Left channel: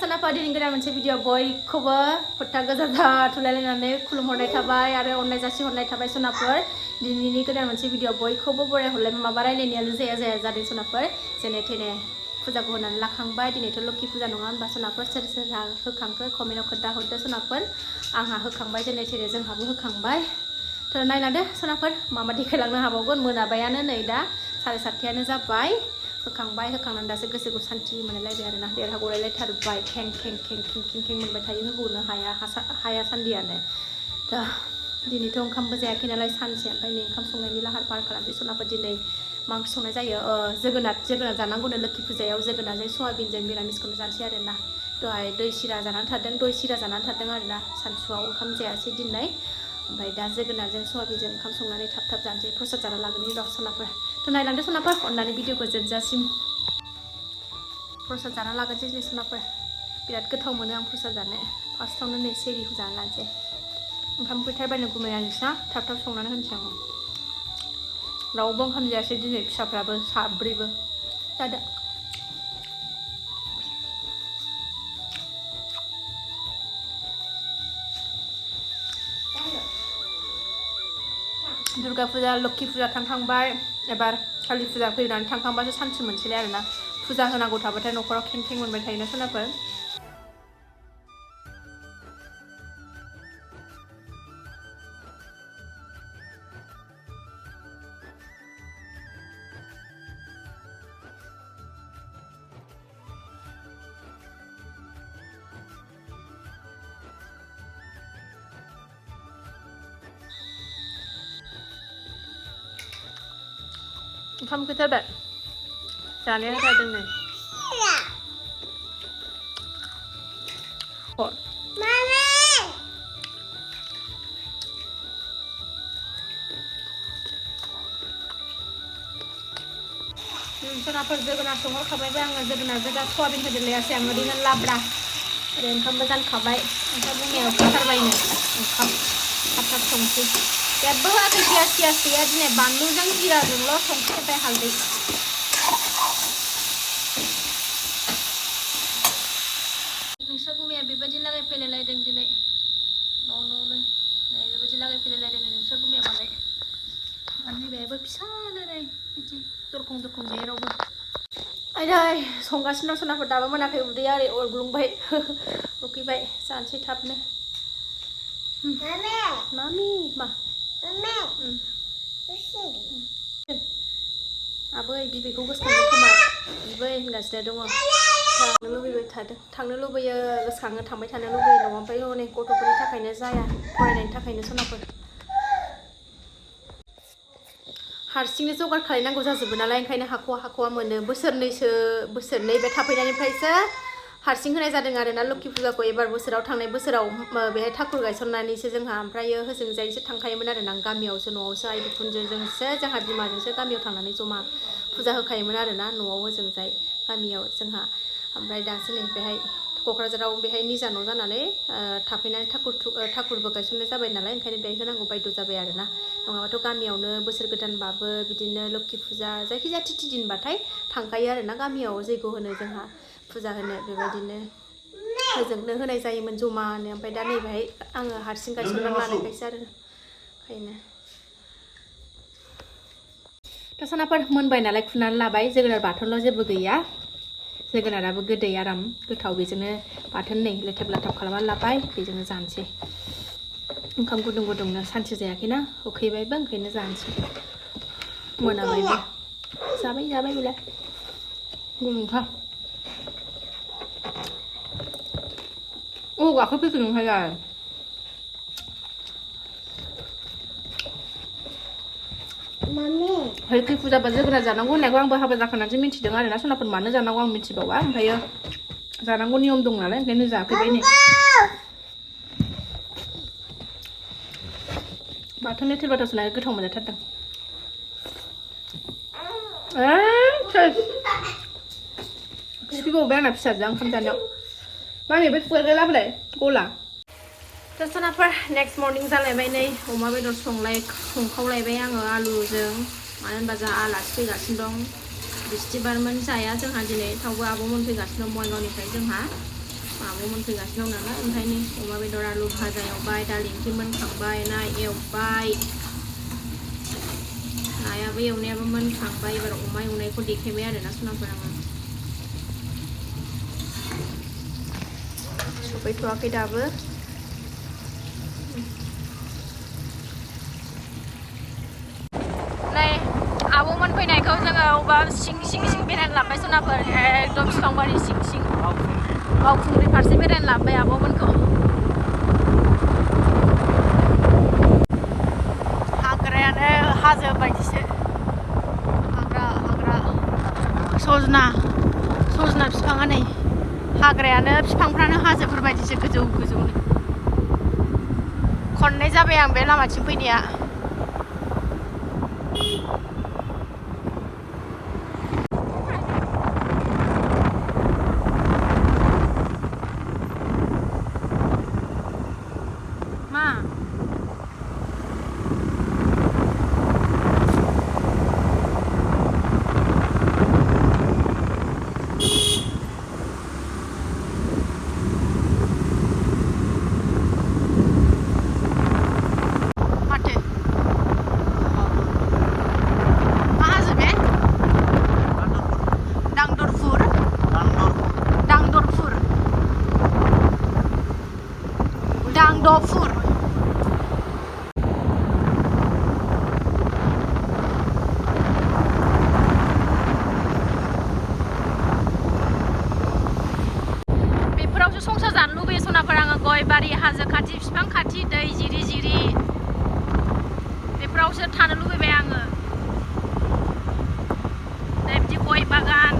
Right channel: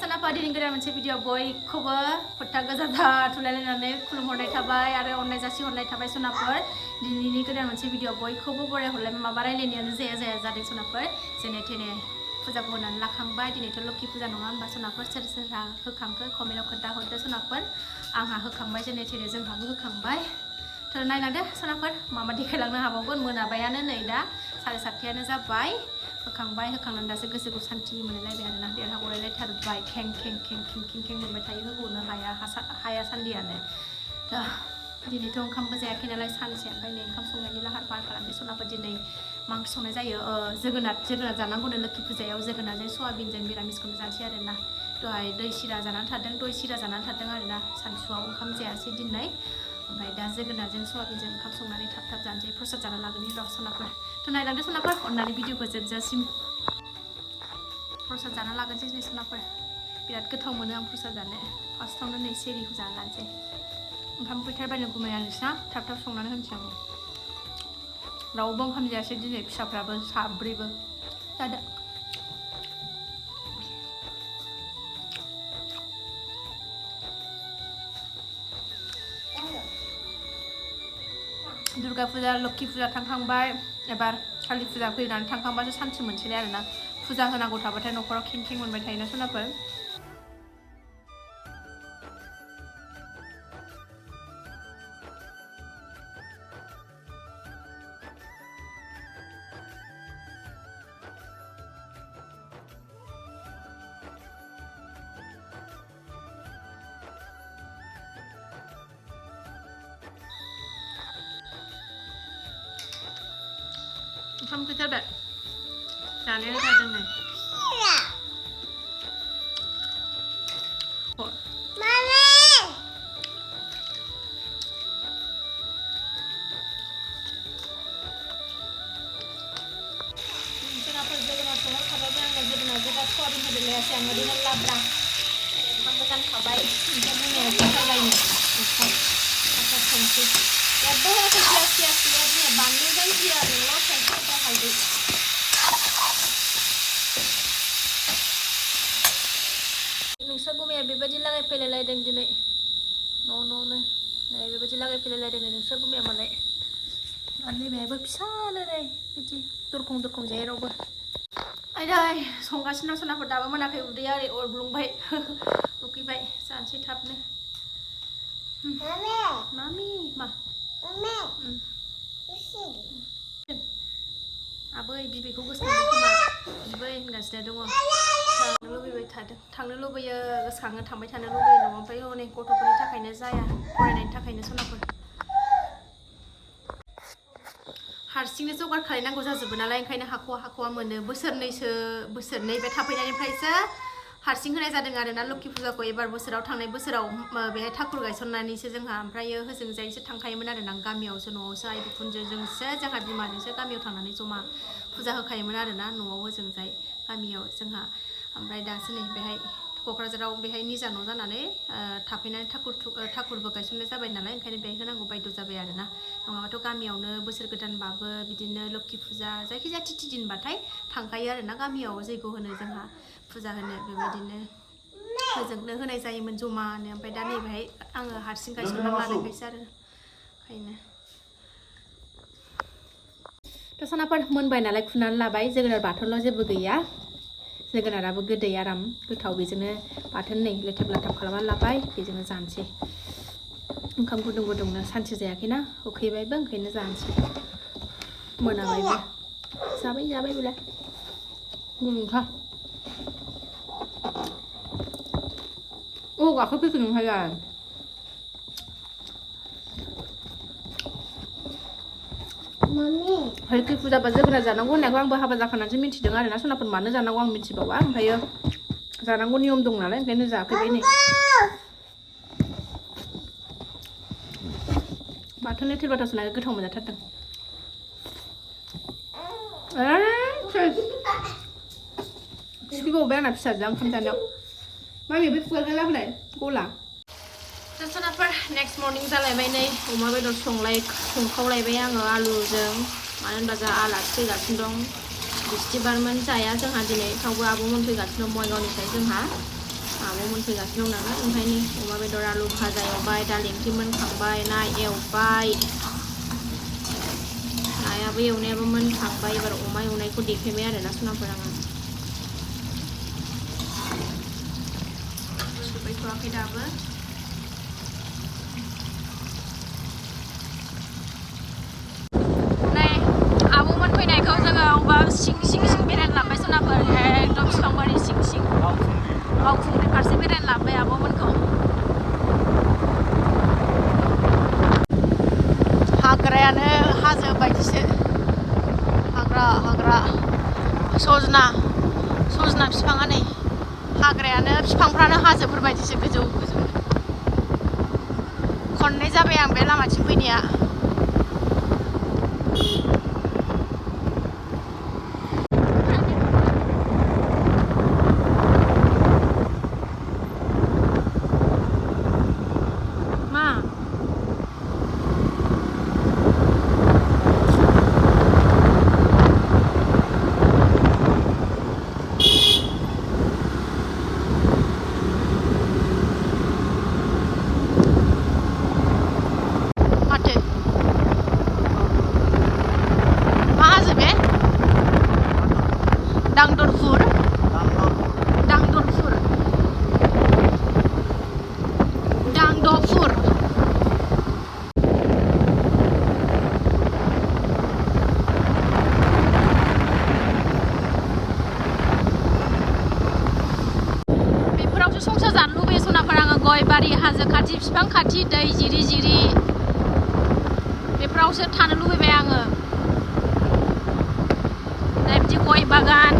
सनाफा दिनै गोदान मोनसे भिडिअ बयखौबो फोथा गोजा थुलायलायनानै खुलुमहरनाय थाबाय आरो अननाय जासिहरनाय थाबाय सनाफोर दिनैनि गोदान मोनसे भिडिअ बयखौबो बराय हरलाय माबा रायलायनायानो जाया जादों सनाफोर जेने थेने फुजाखौ होनानै लाखांबाय दिनैथ' लोखि फुजा नङा होनबा सनाफोर सोर सोरहा होखांखो कमेन्टआव खोन्थाहरदो सनाफोर आंहा होखांबाय जेने थेने जोंहाबो होखांबाय थ' नायलांदो सनाफोर मा देखायलांनो हाबावगोन मोनाबायानो नै दा 7:30 जाबाय होखांबाय होखांनानै दासो गोसोखौ सान्थि मोनलायबाय आरोना देरहा गलायलायथारबाय खें खें खें खें खें खें मोनबाय थायो होबोनो हाया सान्दियानो दा दिनैथ' ओंखामबो जायाखै नालाय सानसे ओमफ्राय नै ओंखाम संनायनि लाहार फाहार खालामसै सनाफोर दिनै मा ओंख्रि संनाय जायो जोगोनार जानांगौनो लोखि फुजायाव जोगोनारजों सयाबिनजों मिरामिसखौनो जानोसै आरोना दहाय दय सिरा जानानै थादों आरोना सानसुआव ओंखाम जायासै दिनै ओमफ्राय दा जोगोनारजों सयाबिनजों ओंखाम संनानै थाब जानोसै प्रसाद जाना लागोननि र' सनाफोर थ' नायलांदो सनाफोर अननानै भिडिअखौ जोबजासिम प्रसाद जाना लागोनसै दिनै सनाफोर बिराद गोथाव मोनो आं प्रसाद जानो फार्स्टआवनो नै सेरिखौ जाना लानोसै ओंखाम फैथारबायनो गुमैया नोंसिना थाब संनानै होनोसै आं रावबो ओंखाम जायासै दिनै फिसाफ्राबो साब्रैबो जादो दुर्गा फुजा लोखि फुजा थांखांबाय एबार कालि फुजा फैनानै थांखांबासो सान्थि मोनसैलाय आरोना फुजा होनांगौ थाबाथाय न'खराव खें खें मोनबाय थायोना सनाफोर ओंखाम फैथारबाय जानाया जादों नै जोंहाफोर जोगोनार संहरखाबायबो आङो जोगोनार गोजा सयाबिनखौ जोंलायासै आं ओरैनो लाब्रा ओरै ओंखामबो जानखाबाय ओंखाम मोनायाव फैथारबायनो ओंखाम थाब संसै जेबो होआखै पियास गैया दिनै बानलुजों जिराजोंल' संख्रि ओमफ्राय हालदै नोंस्रा गुमैया बेबायदि लागायफैलायलायदों दिनै न'नो नै बेबायदि लागायफैलायलायदों नोंस्रा गुमैया मालाय नैबेहायबो फिसानो नै बिदि दरखं जेरावबो आयै संगासिनो सनाफोर दाबो मोनाखै उदैया ओरै अरग्लुंबाय उखैबाय जानोसै थाबनो मामि मा आबै बिबैखौ गोसोखांदों खोमा बिबै होनगासिनो दङ थांनो लुबैबाय थादों थांनो लुबैयो गोसोखाङो थांबाय थानो लुबैयो न'आव ओमफ्राय हनै गथ'फोरनि थाखायनो जाया फरायनायनि थाखायनो सनाफोर हारसिंनो जगार खालायनांगौ जाजोबो नालाय ओंखायनो हाख'वा मोनो बोसोरनै बे थाफैनायनिफ्रायसो हारसिं होनाय जादों आरोना लोखि फुजाखौ एबार बोसोराव थांनाय बोसोराव बेहाय ठाकुर गायसननानैसो जोंहा ओमफ्रायो होजोंजायसो थांखायोमोन आरोना गामियावसो न'आवसो आइ बिखुनजोजोंसो जोंहा बिमाजोंसो गामियाव थांनानै जमा फुजा होखायोमोन आरोना न'आव होजोंजाय गामियाव जोंहा ओमफ्राय दासो नै बेहाय क'क्राझाराव बेहाय निजा न' जानानै थाफैनानै ठाकुरबो गायसननाय जाबाय नालाय ओंखायनो बेहाय होनांगौ बायद' जाबाय आरोना नङाबाथ' गामियावनो बोसोर गोदानबाबो बिदिनो लोखि फुजा जायखिजाया तिथि दिनबाथाय थांखायो आरोना गामियाव जैग' होनो जोंहा फुजा होनो बेबायदिनो होजोंनो होनाय जायोमोन जमानो ओमफ्राय दा नैबेहाय आङो हारसिं गायसनना लानायखायसो आरो ओंखायनो थ' सनाफोर मोनबाय नालाय खुनानै लाबाय जोगोनार बाथोनल' जेबो गैया जोगोनाराबो गोदै आराम गोथाव बेजोंनो बाथोन नै लेथाब खालामनानै लाबाय बेजोंनो जानोसै ओंखाम गुदुंनो सानसे जायाखैना उखैबायबो ओंखायनो जानोसै मोनाबायबो जाबाय बेलाय गुदुंखा गाखोफैखो नोंहाय लोखि फुजाबा जोगोनार जानांगौ होननायखौ आंबो हाबा जाखानानैसो मिथिदों आरोना सनाफोर मानो जानांगौ आं मिथिबावा ओमफ्रायो जानांगौ नियम दं नालाय ओंखायनो जाफैबाय नै बाथोन लेथेर बाथाव संनानै गोथाव मोनजाथारदों सिबिबावबाय आंना फिसाजोआ ओंखाम जानायाव मा होनो बे खुगायग्रा लाबोलाय गला थ' सनाफोर नेक्स्ट मर्निं जालायबाय नै अमा बेदर संखावलायबाय आङो आलुजों मानो होनबा जोंहा आलासि फैगासिनो दं बिस्थिबारमोन जाया जोंहा दिनै थेवबो आब'मोन फैगासिनो दं बङाइगावनिफ्राय जोंहा आब'मोन फैगासिनो दं नालाय ओंखायनो अमा बेदर आलु भाजा एवबाय दालि ओंख्रि मोनखांबाय ना एवबाय नायाबो एवनायाबो मोनखांबाय एबार अमा एवनायखौ देखायबाय आरोना सनाफोर आङो सफैथ'वाखै दाबो नै आब'मोन फैनायखौ जोङो अबा सिं बेरायनो लाबोबाय सनाफोर एकदम बिफांबारि सिं बावखुंग्रि फारसे बेरायनो लाबोबाय आब'मोनखौ हाग्रायानो हाजो बायदिसो हाग्रा सजना बिफाङा नै हाग्रायानो बिफांफ्रानो हाजोफोर बायदिसो गोजौ खननै जाबाय आं बे लामाथिं फैनाया दांदरफुर बेफोरावसो संसार जानो लुबैयो सनाफोर आङो गय बारि हाजो खाथि बिफां खाथि दै जिरि बेफोरावसो थानो लुबैबाय आङो बिदि गय बागान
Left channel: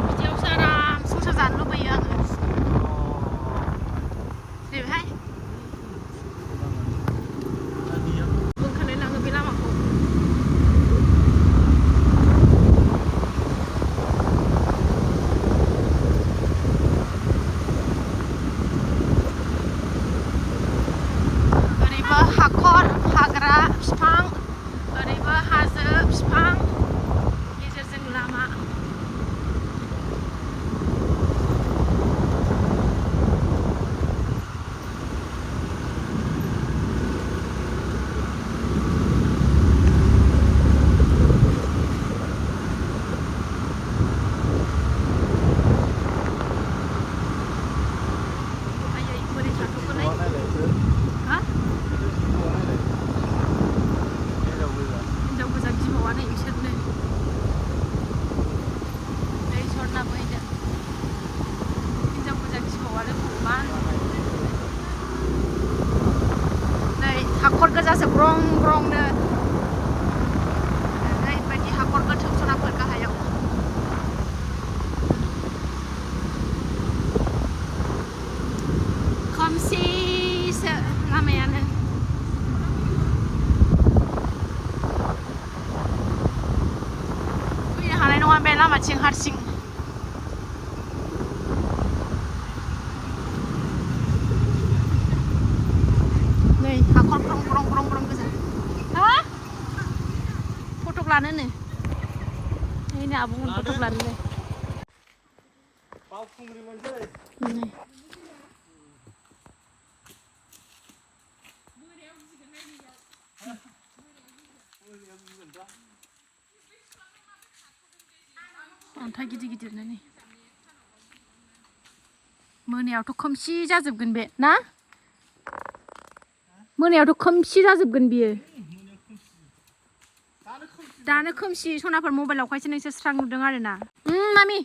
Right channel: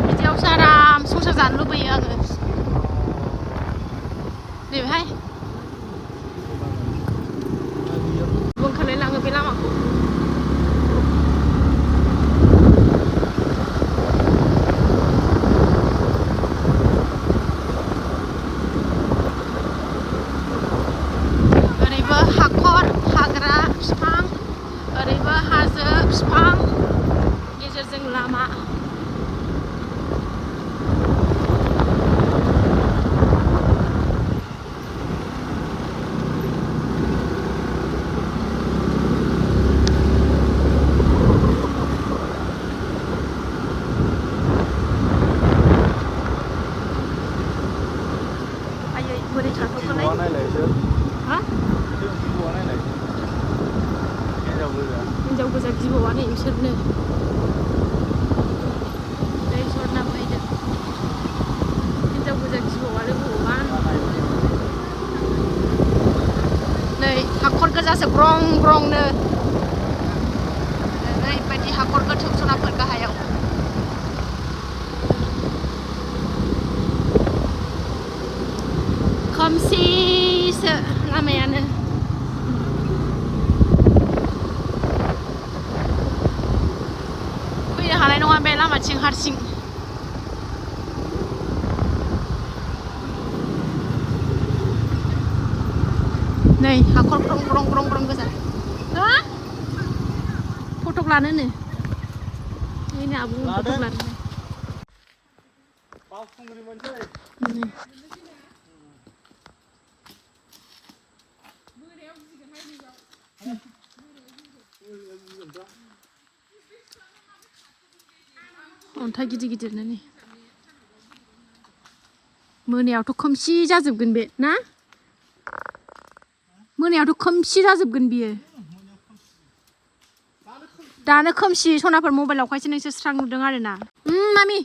बिदियावसो आराम संसार जानो लुबैयो आङो बेहाय बुंखालायलाङो बे लामाखौ ओरैबो हाखर हाग्रा बिफां ओरैबो हाजो बिफां गेजेरजों लामा बोरै थाथ'खौलाय हिनजाव गोजा गिबावानो इसोरनो दै सरना फैदों हिनजाव गोजा गिबावानो भगबान नै हाखर गोजासो ग्रंनो ओरैबायदि हाखर गोथौ सनाफोर गाहायाव खोमसिसो लामायानो फैनो हानाय नङा बे लामाथिं हारसिं नै हाखर ग्रं गोजा हा फटक लानोनो नै आब'मोन फटक लानो नै अन्थाइ गिदिरनो नै मोनायावथ' खोमसि जाजोबगोन बे ना मोनायावथ' खोमसि जाजोबगोन बियो दानो खोमसि सनाफोर मबाइलावखायसो नोंसोर स्रां नुदों आरोना मामि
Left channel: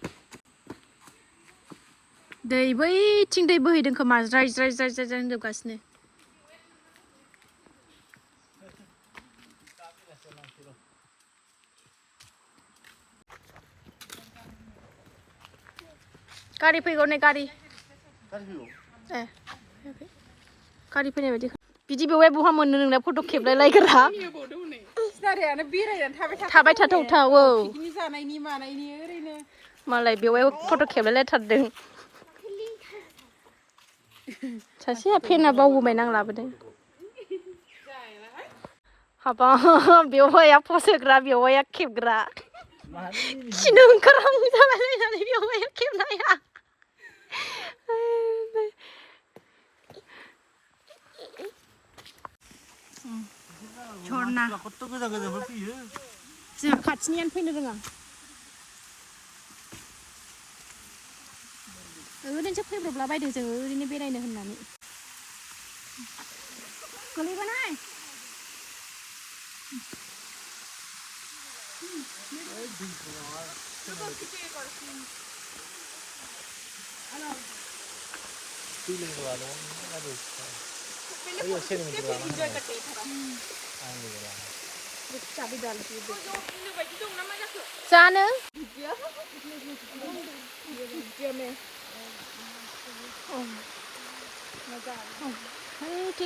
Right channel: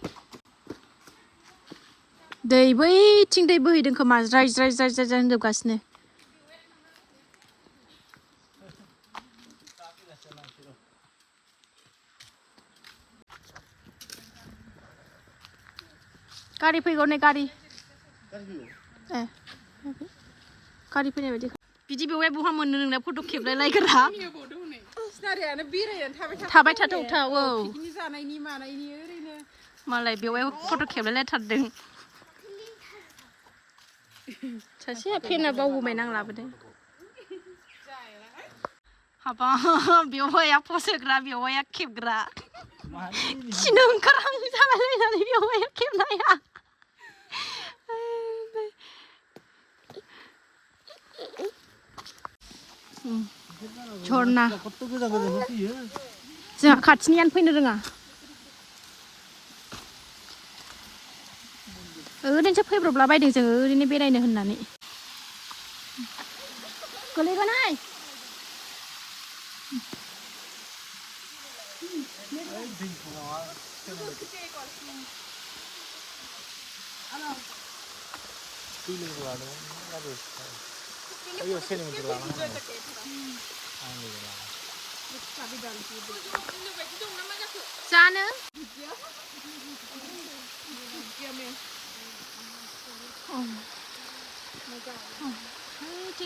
दै बैथिं दै बोहैदों खोमा ज्राय होनजोबगासिनो गारि फैगौ नै गारि गारि फैनाय बायदि बिदि बेवहाय बहा मोननो नोंना फट' खेबलाय लायग्रा थाबाय थाथाव औ मालाय बेवहाय फट' खेबलायलायथारदों सासेया फेना बावबोबाय नां लाबोदों हाबा बेवहाया फस होग्रा बेवहाया खेबग्रा खिनो ओंखारहां जालायलायनानै बेवहाय खेबनाया झरना जोंहा खाथिनियानो फैनो रोङा ओरैनोसो फैब्रबला बायदों जोङो ओरैनो बेरायनो होननानै गोलैगोनहाय जानो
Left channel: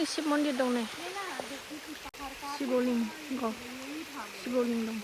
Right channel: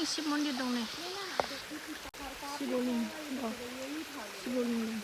शिव मन्दिर दं नै शिवलिंग दं